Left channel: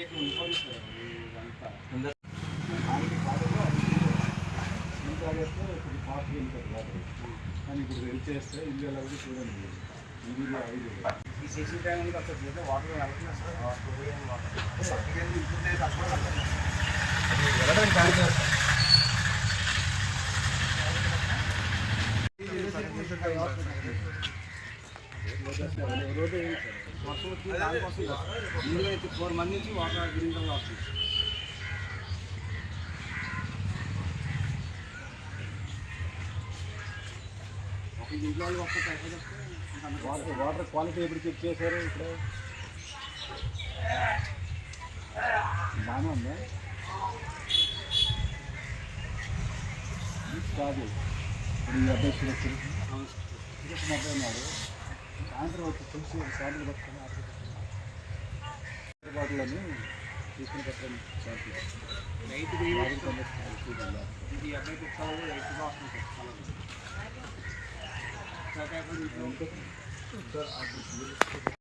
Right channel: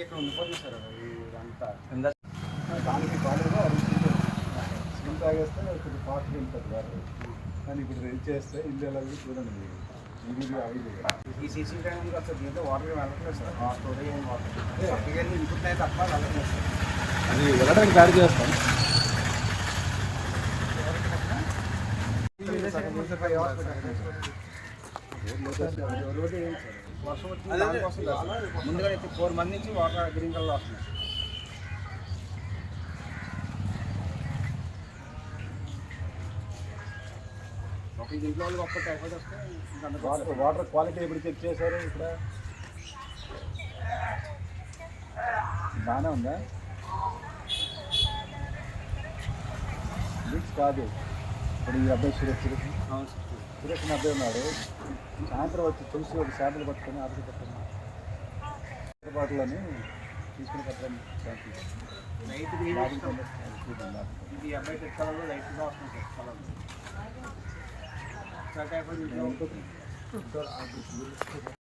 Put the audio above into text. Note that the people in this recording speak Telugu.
ఇక్కడ ఉండిపోతుంది సార్ ఇదంతా దానికి కాలేదు. అది స్మెల్ తాగేస్తే కొంచెం ఫాస్ట్గా వెళ్తుంది వాటర్. కానీ ఇప్పుడు రెడీ చేస్తే ఇల్లు ఎలా చూడండి. ఇది అవి ఈ సీసీ ట్యాంక్ ఉంది సార్, దీంట్లో వాటర్ వెళ్ళట్లేదు సార్. స్టోరేజ్ ఏం వాటర్ పక్కకి వెళ్ళి ఇంకుతున్నాయి తప్ప వెళ్ళట్లేదు సార్. అది వెళ్ళడానికి గాడి చేస్తాం. 5 hours పెట్టాలి రోడ్డు ఏంటి సార్, వర్షం వచ్చింది దానికోసం ముందుగా 4 మంది నుంచి వాటర్ గ్రీన్ కలర్ వస్తున్నాయి. ఒక ఇంట్లో వాళ్ళకి ఒక్క టైఫాయిడ్ వస్తే వాటర్ క్వాలిటీ ఎప్పుడు చెక్ చేశారు? ఇక్కడ బాగానే ఉందా? కాదు, ఇప్పుడు ఈ అబ్బాయి సురేష్ అబ్బాయి ఉన్నారు. సాయంత్రం వచ్చి తులసి ఒక శాంపుల్ పట్టుకొని ఆర్డర్ పెట్టండి. బాటిల్ని తీసుకుని పెట్టండి. లైట్ ఇది అబ్బాయి కలర్లో లైట్గా వస్తుంది సార్. Colour typhoid